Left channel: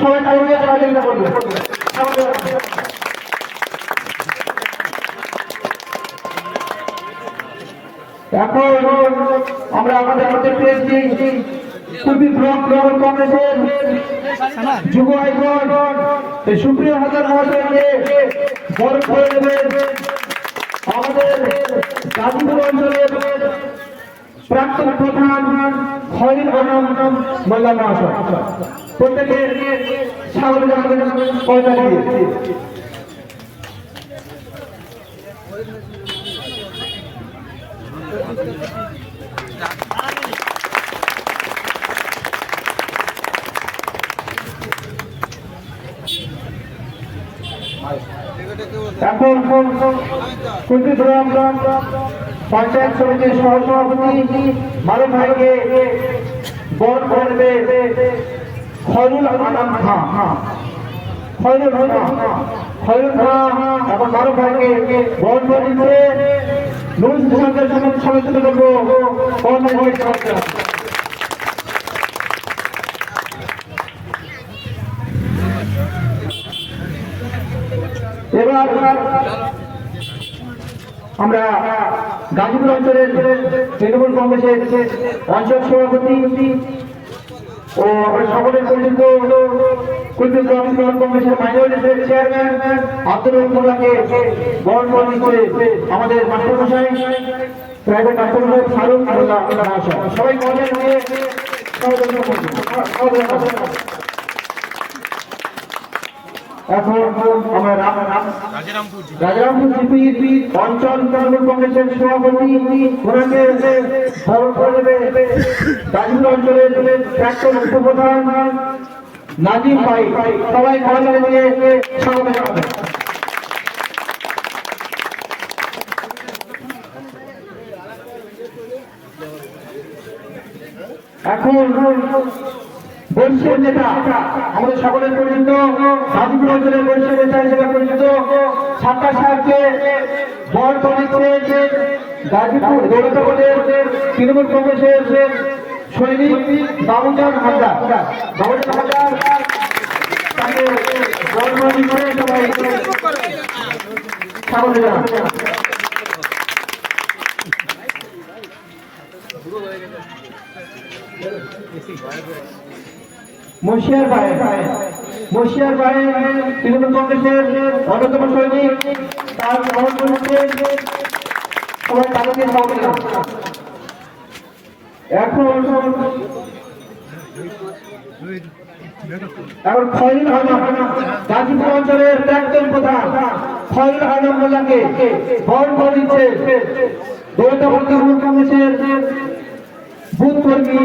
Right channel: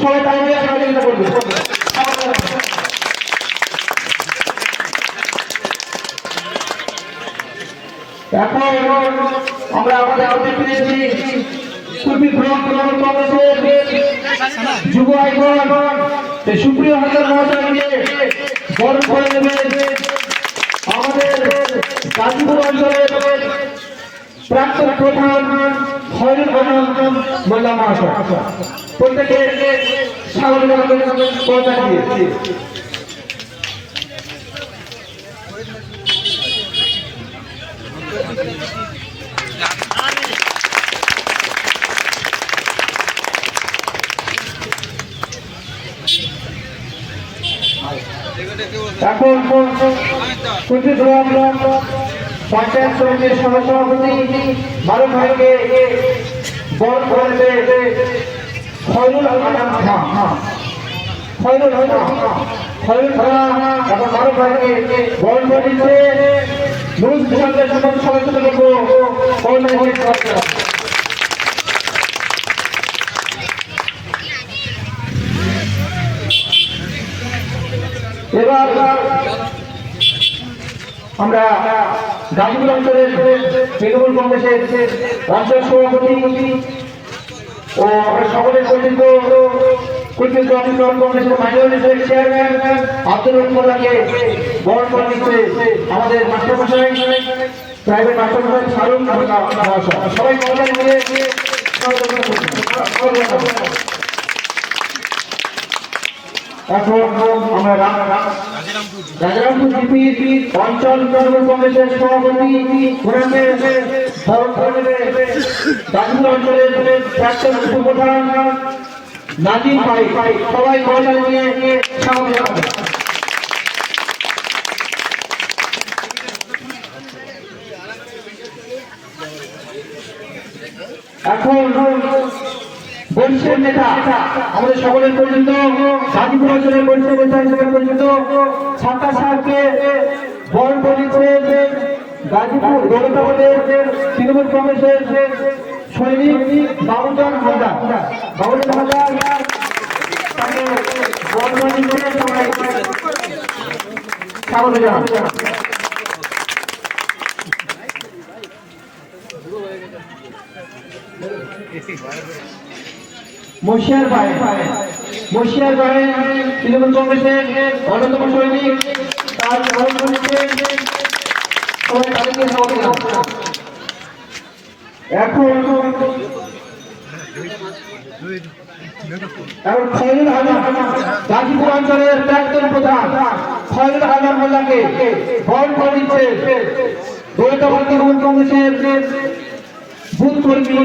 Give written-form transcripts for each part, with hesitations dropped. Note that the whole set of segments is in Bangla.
সবাই তালি দিয়ে সহযোগিতা করবে। এখন আমরা আমাদের মধ্যে পেয়েছি কুলপি ব্লক তৃণমূল কংগ্রেসের যুব আইকন সুপ্রিয় হাজার মহাশয়কে বরণ করে নেবেন আমাদের গাজীপুর অঞ্চলের প্রাক্তন প্রধান খয়রুল আলম মোল্লা মহাশয়। প্রত্যেকে স্বাগত জানাবেন কথা দিয়ে। এখন কুলপি ব্লক পঞ্চায়েত সমিতির সহসভাপতি মারুফ ভাইকে বরণ করে নেবে খয়রুল আলম খান। খয়রুল খান এখন মারুফ ভাইকে বরণ করে দিচ্ছে। সদস্য করবো এবার আমরা গাজীপুর অঞ্চলের তৃণমূল কংগ্রেসের অঞ্চল সভাপতি ও আমরা সকলের পরিচিত কুলপি ব্লক তৃণমূল কংগ্রেসের মাইনরিটির চেয়ারম্যান আব্দুল মোল্লাকে বরণ করে দিচ্ছে আমাদের মাস্টারমশাই প্রাইভেট মাস্টারমশাই ফারুক মহাশয়। সবাই মহলে নিয়ে এখন আমরা রাজারামপুর জিপি অঞ্চল তৃণমূল কংগ্রেসের সভাপতি গাজীপুর অঞ্চলের প্রাক্তন উপপ্রধান নাজিম ভাই। সবাই মহিলা নিয়ে স্বাগত জানাবেন। এখন বরিষ্ঠের নেতা আমাদের সকলের পরিচিত গাজীপুর অঞ্চলের বরিষ্ঠের নেতা হিসেবে পরিচিত সাত্তার সাহেবকে বরণ করে দিচ্ছে গাজীপুর গৌরতপদের তৃণমূল কংগ্রেসের সৈনিক বাবুজান হাজার। বাবুজান হাজার তাকে বরণ করে দিচ্ছে। সবাই স্বাগত জানান। মুর্শিয়ার ভাই তৃণমূল কংগ্রেসের অন্যতম সৈনিক তার বরণ করছে। সবাই তাদেরকে স্বাগত জানান। এখন খয়রুল আলম গাজীপুর অঞ্চলের প্রাক্তন প্রধান খয়রুল আলম মোল্লাকে বরণ করে দিচ্ছে তৃণমূল কংগ্রেসের বুথ কর্মী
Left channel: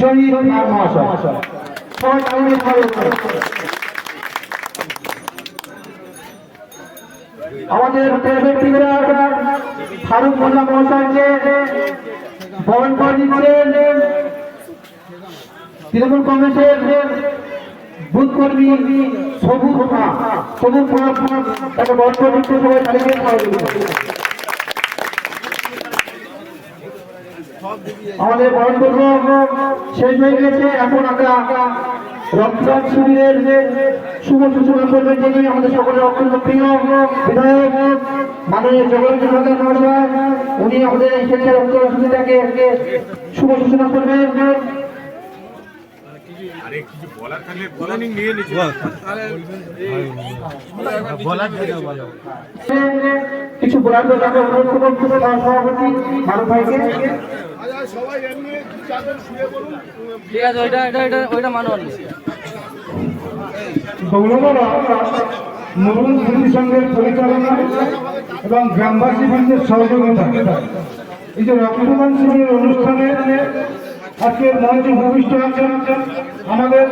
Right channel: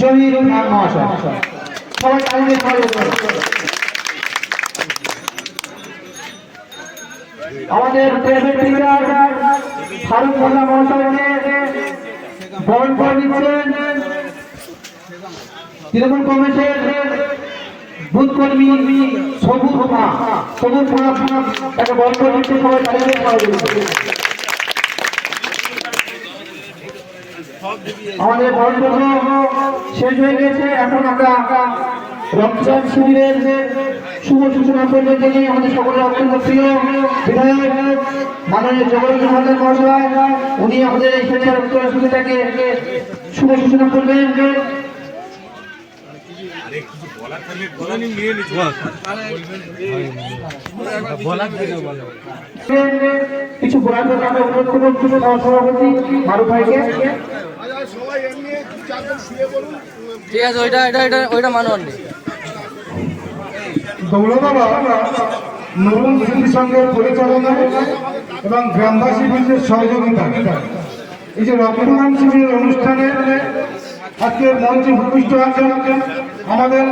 জহির খান মহাশয়। আমাদের প্রাইভেট টিচার ফারুক মোল্লা মহাশয়কে বরণ করে দিচ্ছেন তৃণমূল কংগ্রেসের বুথ কর্মী সবুজ তাকে বরণ করে দিচ্ছে। সবাই তালিকায় আমাদের বরণপর্ব শেষ হয়ে গেছে। এখন আমরা রমজান শিবিরের শুভ সূচনা করবেন যিনি আমাদের সকলের অত্যন্ত প্রিয় বিধায়ক মাননীয় জগন্নাথ হাজার মহাশয়। উনি আমাদের এই স্বেচ্ছার উত্তর শিবিরটাকে শুভ সূচনা করবেন। কিছু বলার জন্য আমরা অনুরোধ করছি সভাপতি মারুফ ভাইকে। নবম স্মৃতি সংঘের পরিচালনা এবং গ্রামবাসী বৃন্দের সহযোগিতা এই যে রক্তদান শিবিরের অনুষ্ঠানে আজকের মঞ্চে ভূমিষ্ঠ আছেন আমাদের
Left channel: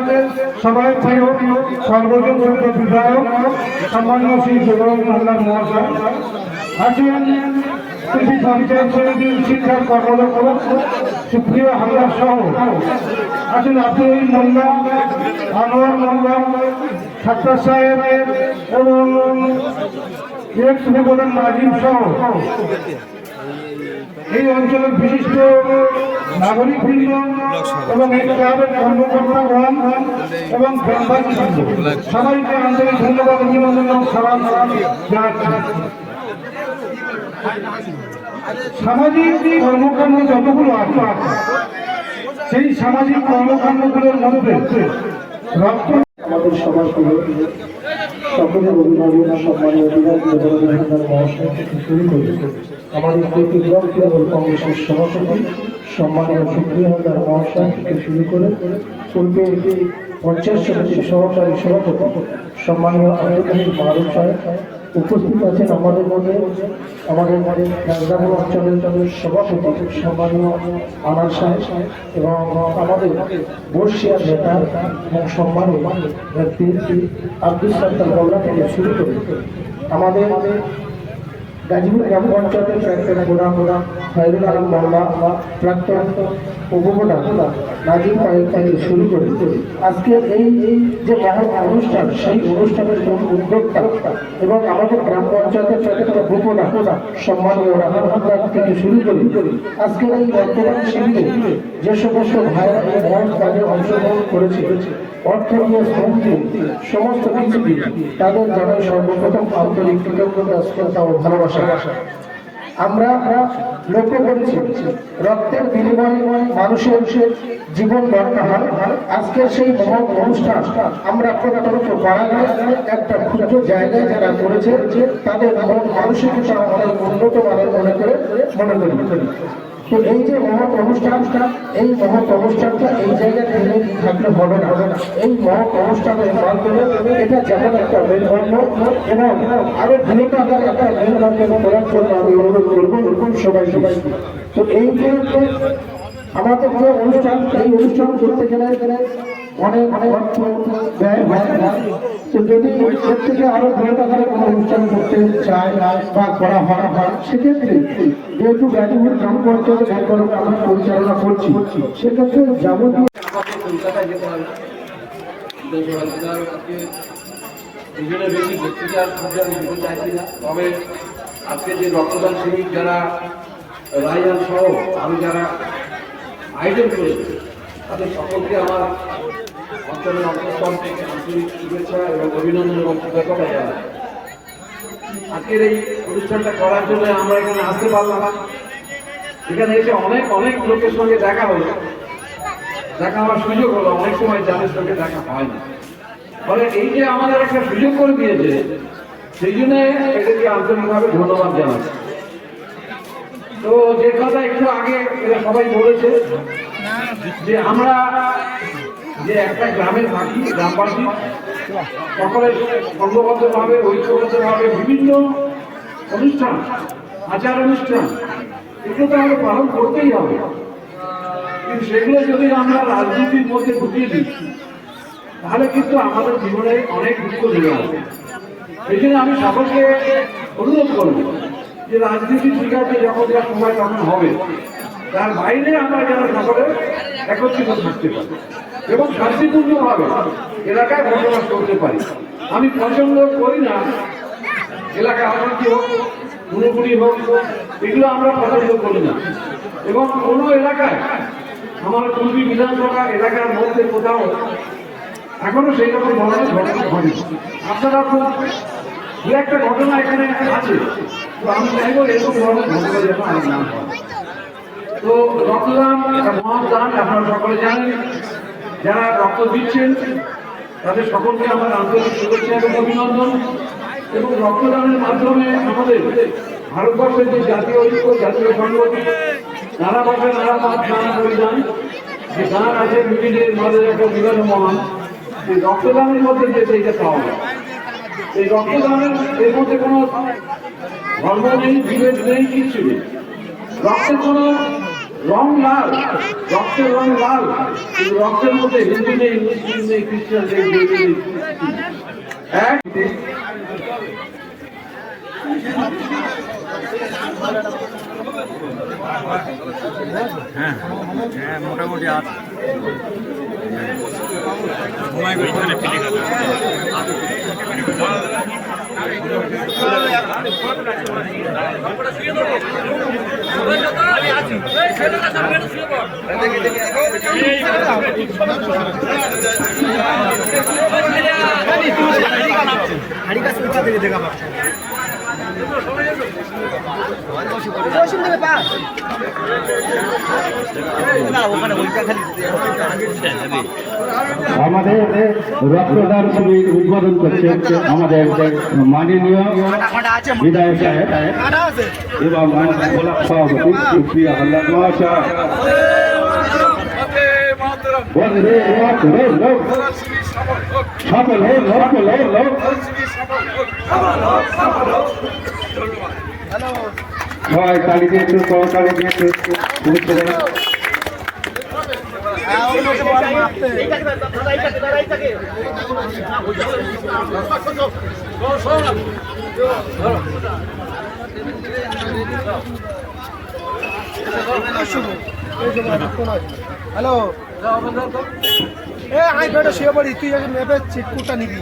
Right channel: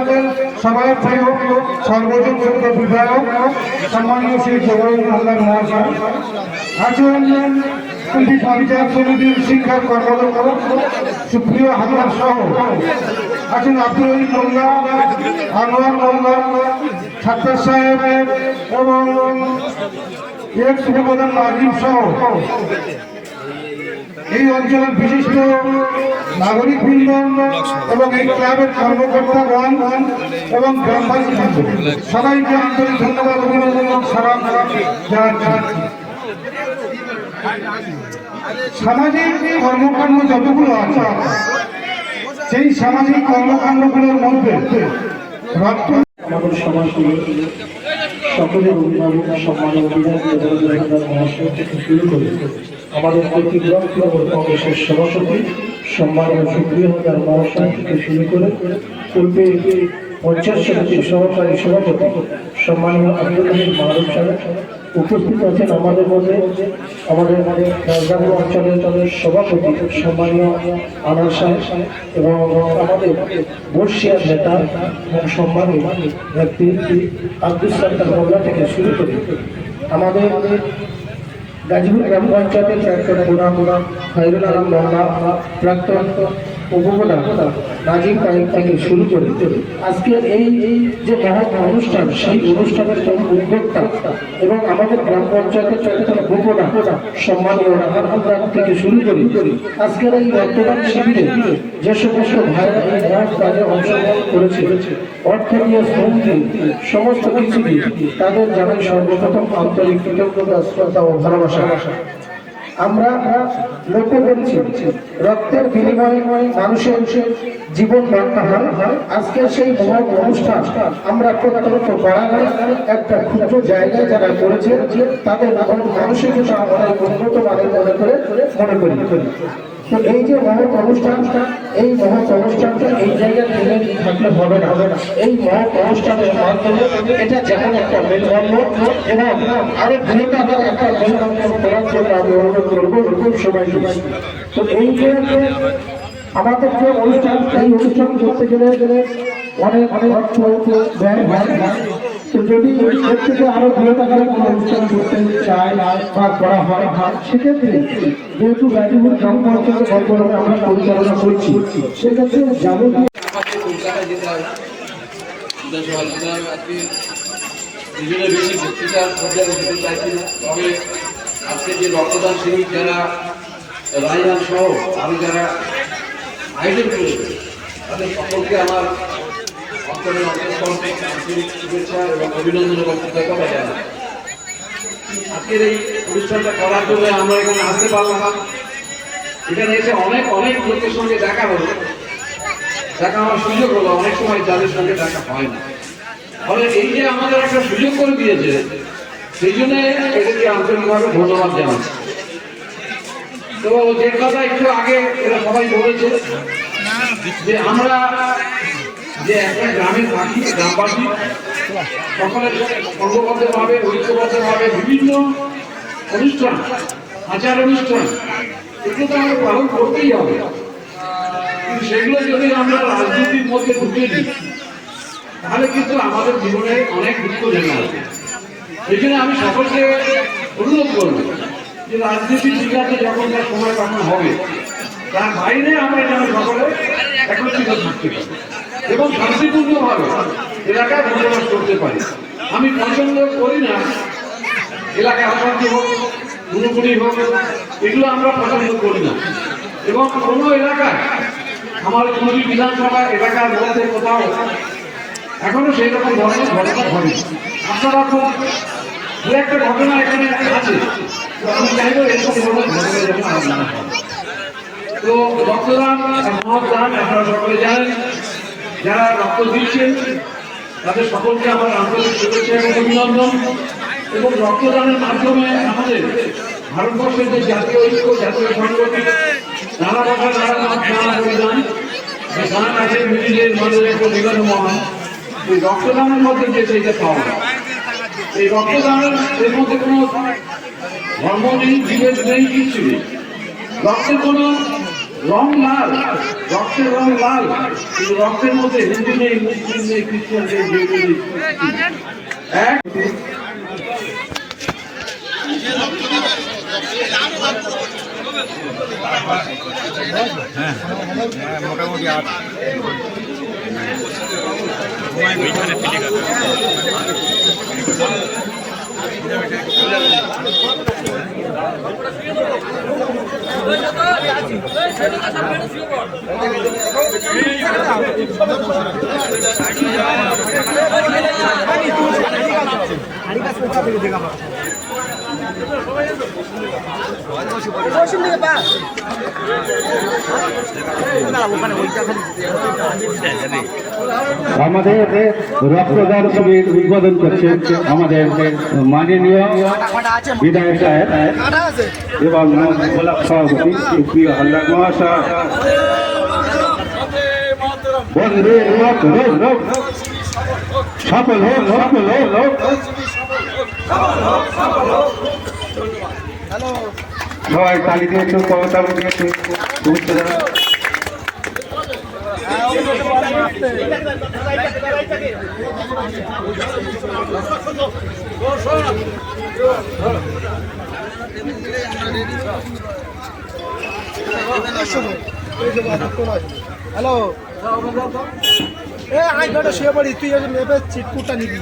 সবাই প্রিয় সর্বজন বিধায়ক সম্মানীয় শ্রী জগন্নাথ হাজার মহাশয় আছেন। কুলপি পঞ্চায়েত সমিতির শিক্ষার কর্মরত সুপ্রিয় হামদার সহ আছেন আব্দুল মোল্লা, আনোয়ার মোল্লা, সাত্তার সাহেব এবং এক্স উপপ্রধান নাজিম সহ এই অঞ্চলের বিশিষ্ট নাগরিকবৃন্দ এবং এই ক্লাবের কর্মকর্তাগণ এবং গ্রামবাসী সবাইকে আন্তরিক ধন্যবাদ অভিনন্দন এবং সালাম জানাচ্ছি। সামাজিক কর্মকাণ্ড যতগুলো আছে সেই সামাজিক কর্মকাণ্ডগুলোর মধ্যে রক্ত আমাদের সমাজে সকলের অভিভাবক সম্মানীয় বিধায়ক মহাশয় থেকে শুরু করে আমাদের প্রতিগ্রাম তৃণমূল কংগ্রেসের সভাপতি সম্মানীয় সুপ্রিয় হাজার মহাশয় থেকে শুরু করে পূর্বে পঞ্চায়েত সমিতির সহকারী সভাপতি সম্মানীয় আব্দুল মারুফ সাহেব উপস্থিত আছেন আমাদের মধ্যে আমাদের রাজধানী অঞ্চলের সভাপতি সম্মানীয় আনার সাহেব এবং আমাদের বর্ষিয়ার নেতা এবং সম্মানীয় ব্যক্তি আব্দুল সত্তার মোল্লা থেকে শুরু করে আমাদের গাজীপুর গ্রাম পঞ্চায়েতের প্রাক্তন প্রধান খায়রুল আলম মোল্লা প্রাক্তন উপপ্রধান নাজিম নাইক থেকে শুরু করে আজকের এই যে মহা অনুষ্ঠান সেই অনুষ্ঠানের জন্য উদ্যোক্তা এবং আমাদের গ্রাম পঞ্চায়েতের প্রাক্তন উপপ্রধান সম্মানীয় রাহান হালদার থেকে শুরু করে আজকের এই রক্তদান শিবিরে যে সমস্ত ভাইরা এই মহৎ কাজে অংশগ্রহণ করেছে অর্থ দিয়ে শ্রম দিয়ে সমস্ত কিছু দিয়ে তাদের জানাই সর্বপ্রথম আন্তরিক কৃতজ্ঞতা শ্রদ্ধা ও ভালোবাসা। আমরা লক্ষ্য করেছি রক্তের বিনিময়ে মানুষের জীবন রক্ষা হয়। আজকে সেই মহৎ অনুষ্ঠান আমরা প্রত্যক্ষ বাড়ানোর একটা ক্ষুদ্র জায়গায় যারা করেছে তাদের মানসিকতা অনেক উন্নত মানের মনে করি। তো এই যে মহৎ অনুষ্ঠানটা এই মহৎ অনুষ্ঠানটা এই জায়গায় থেকে থাকলে হবে না। এই মহৎ অনুষ্ঠানের মাধ্যমে এটা যেমন একটা মেলবন্ধ এবং আরো বৃহত্তর একটা মেলবন্ধ করার জন্য আমি অনুরোধ করবো এরকম সবাইকে। তো এই যে আমাদের যে অনুষ্ঠান এই অনুষ্ঠান করতে গেলে অনেক অর্থ ব্যয় হয়। তো যদি এর থেকে আরো বৃহত্তর অনুষ্ঠান করতে চাই বা করা হয় সেক্ষেত্রে যেহেতু গাজীপুর গ্রাম পঞ্চায়েত আমরা পরিচালনা করছি সেক্ষেত্রে যাবতীয় আমাকে কলকাতায় যেতে হবে বিধানসভা যেতে হবে। আজকে দুজনে বেশি বক্তৃতার পর্যায়ে যেতে চাইছি না, তবে আজকে যে রক্তদান শিবির যারা রায়জান সহ আমি যারা আয়োজন করেছে তাদের সকলকে আমার অন্তরের অন্তঃস্থল থেকে আন্তরিক শুভেচ্ছা এবং অভিনন্দন এবং কৃতজ্ঞতা জানাই। আজকের এই অনুষ্ঠানটা করার জন্য আমরা এখানে আসতে পারলাম না। এখানে এসে অনেক অনেক লোকের সঙ্গে দেখা হলো, দেখা হওয়ার সুযোগ হলো, অনেক সময় যাদের সঙ্গে দেখা হয় না। ফলে এই যে আমাদের একটা সুযোগ করে দিয়েছে সেই জন্য এদেরকে আন্তরিকভাবে ধন্যবাদ জানাচ্ছি। তো যে কথা একটু আগে এরা সবাই বলেছে যে আমরা যে একটা গ্রামে থাকি গ্রামবাসী সকলের সংঘবদ্ধভাবে ঐক্যবদ্ধভাবে বিভিন্ন অনুষ্ঠান আচার অনুষ্ঠান এগুলো তো আমরা পালন করতেই হবে, কিন্তু সেগুলো যদি আমরা রাজনীতির মধ্যে ঢুকিয়ে দিই তাহলে কিন্তু আমাদের জীবনে অনেক দুঃখ জমে হবে। সেই জন্য আমি সকলকে অনুরোধ করব যে রাজনীতি ঠিক আছে যখন তার সময় তখন হবে, তার বাইরে আমরা যেন সকলে একত্রিত থাকতে পারি এবং শান্তিপূর্ণভাবে এলাকায় বসবাস করতে পারি। আমি পছন্দ করি না এলাকায় অশান্তি হোক, গুণগুলি হোক, এগুলো আমরা পছন্দ করি না। এবং কোনো এলাকায় আমার কুড়ি বিধানসভা এলাকার মধ্যে কোথাও এখনো সেই রকম ধরনের ঘটনা ঘটে। আপনারা তো দু একটা ঘটনা এখানে আছে, তো আমি চাইবো এরকম ধরনের ঘটনা যেন আর না হয়। তো রক্তদান একটা মহৎ দান, আপনারা সকলে জানেন। যারা রক্ত দিচ্ছেন তাদের সকলকে আমার আন্তরিক শুভেচ্ছা এবং অভিনন্দন। এবং রক্তদানের মাধ্যমে আমাদের ভারতবর্ষের যে জাতীয় ঐক্য, জাতীয় সংগঠন, নানা ভাষা নানা মত নানা পরিধান যে গান আছে মিডিলের মধ্যে একটা বিগত মহান, এই রক্তদানের মধ্যে যে সেইটা পাওয়া যায়। এই রক্তদানের এর মধ্যে কোনো ধর্ম নেই, বিভেদ নেই, কিচ্ছু নেই। রক্তের কোনো রং লাল, রক্তের রং লাল, কিন্তু রক্তের মধ্যে হিন্দু নেই, মুসলিম নেই, খ্রিস্টান নেই, জৈন নেই, এক আমাদের রক্তদান শিবির উদ্বোধন করছে আমাদের মাননীয় বিধায়ক সাহেব এবং আমাদের ব্লক সভাপতি প্রিয় হালদার মহাশয়। বন্দে মাতরম, সফল হোক, সফল হোক। সবাই তালি দিয়ে একটু ক্ষমতা দিয়ে একটু শুভেচ্ছা জানান। হ্যালো এ আই বেটা শুয়ে পড়ি, তুই আগে মেপে চিটকুটটা নিবি।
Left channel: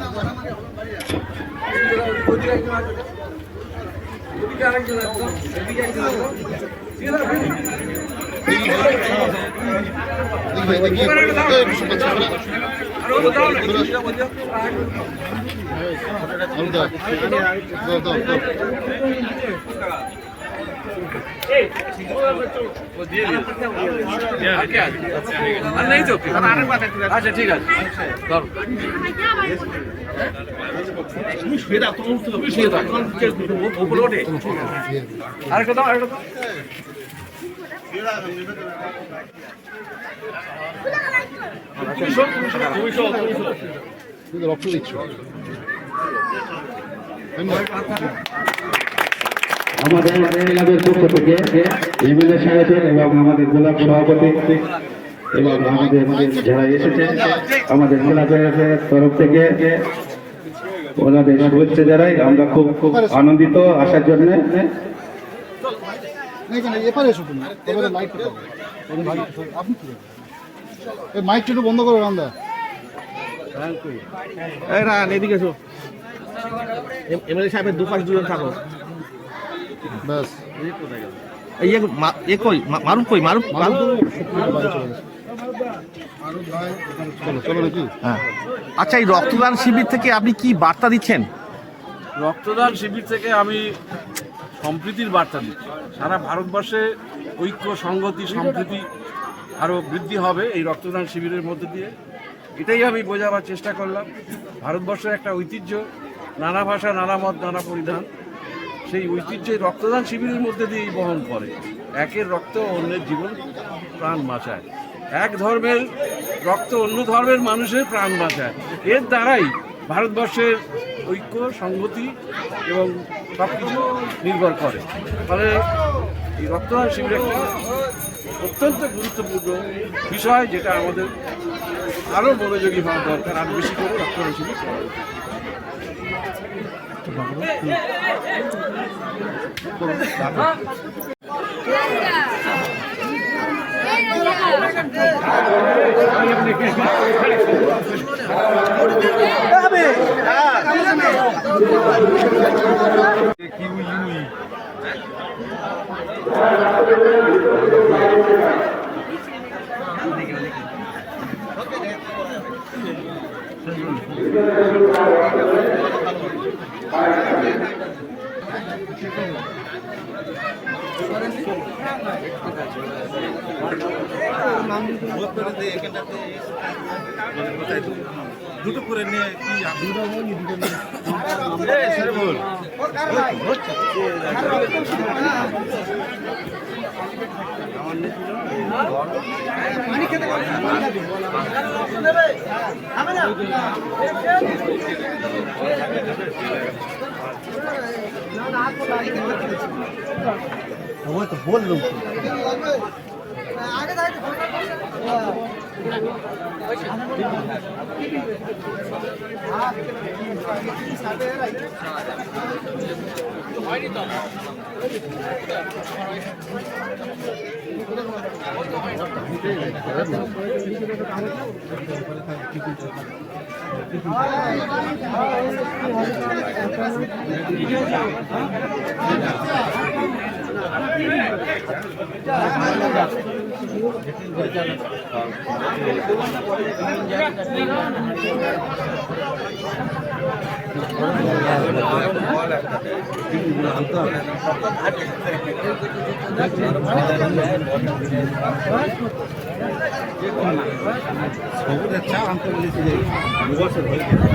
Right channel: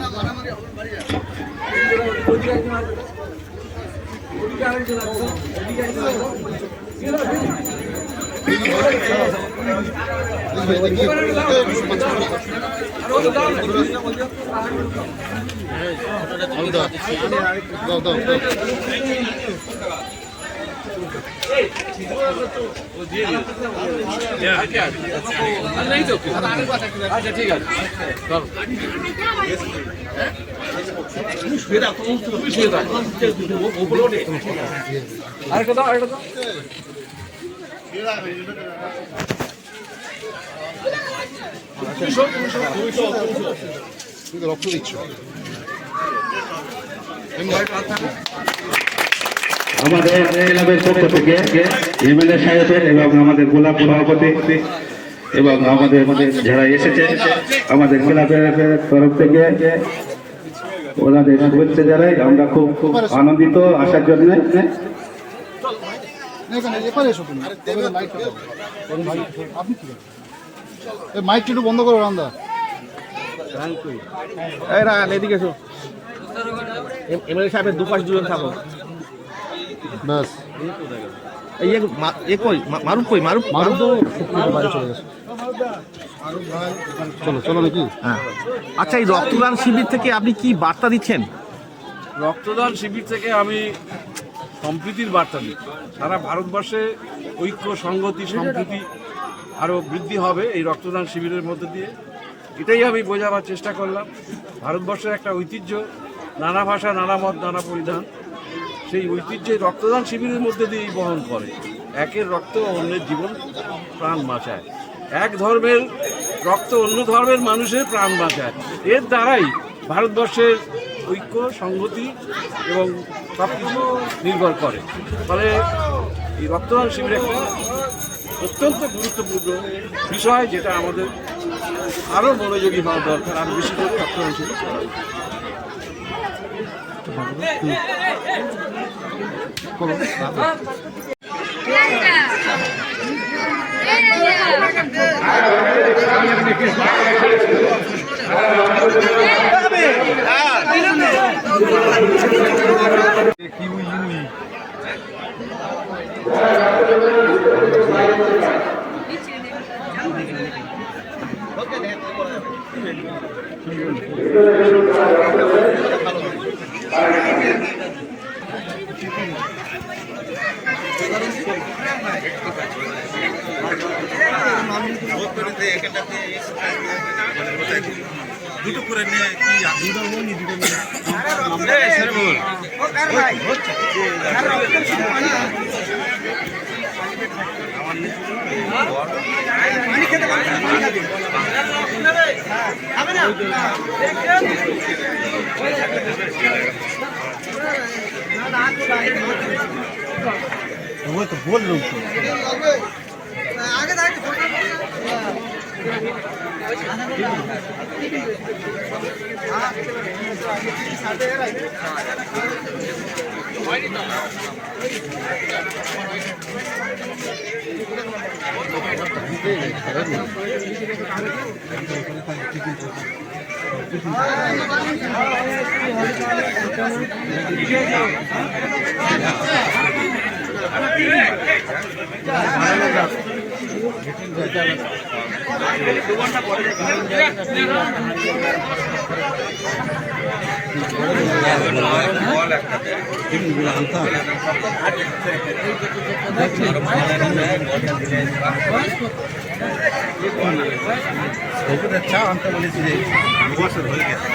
আচ্ছা ঠিক আছে আরেকটা দাও আরেকটা দাও। রক্ত দিচ্ছ আমাদের ক্লাবের পক্ষ থেকে এমএলএ সাহেবের এবং আমাদের গোলাপ সভাপতি এবং আমাদের যারা এসেছে আমাদের ক্লাবের তরফ থেকে ওনাদের শুভেচ্ছা জানাই। আমরা খুব খুব আনন্দিত আসার জন্য। মাইকটা একটু বন্ধ করো রান্দা। এদিকে এসো, এমএলএ সাহেবের দুপাশ দুজন থাকো। ব্যাস মারুফ কই? মারুফ তো বাইরে চলে গেছে। চলো চলো নাকি? হ্যাঁ। আচ্ছা, এই রক্তদান শিবির থেকে আপনি কি বার্তা দিচ্ছেন? রক্তদান শিবির থেকে আমি সম্প্রীতির বার্তা দিচ্ছি। সারা ভারতবর্ষে ঐক্য, সংহতি, সম্প্রীতি আরও বৃদ্ধি হবে এই রক্তদান শিবিরের মধ্য দিয়ে। এটাই আমি বোঝাবার চেষ্টা করলাম। ভারতবর্ষের একটা ঐতিহ্য, নানা ভাষা, নানা মত, নানা পরিধান, সেই ঐতিহ্য রক্তদান শিবিরের মধ্যে দিয়েই বহন করে। একের রক্ত অন্যের জীবন প্রাণ বাঁচায়, এক ধর্মের রক্ত অন্য ধর্মের মানুষের প্রাণ বাঁচায়। এর দ্বারাই ভারতবর্ষের ঐক্য, সংহতি এবং সব কিছু নির্ভর করে। ফলে এই রক্তদান শিবির একটা অত্যন্ত গুরুত্বপূর্ণ বিষয়, যেটা আমাদের আরও মনোযোগী হওয়া দরকার। আরও বেশি করে রক্তদান শিবির করা উচিত। দুটো করে নিয়ে কি পানি খেতে পারবেন, পানি খাবেন তো বললুম আগে থাকে চা আনতে বলেছি যে 2 বছর হয়ে গেছে।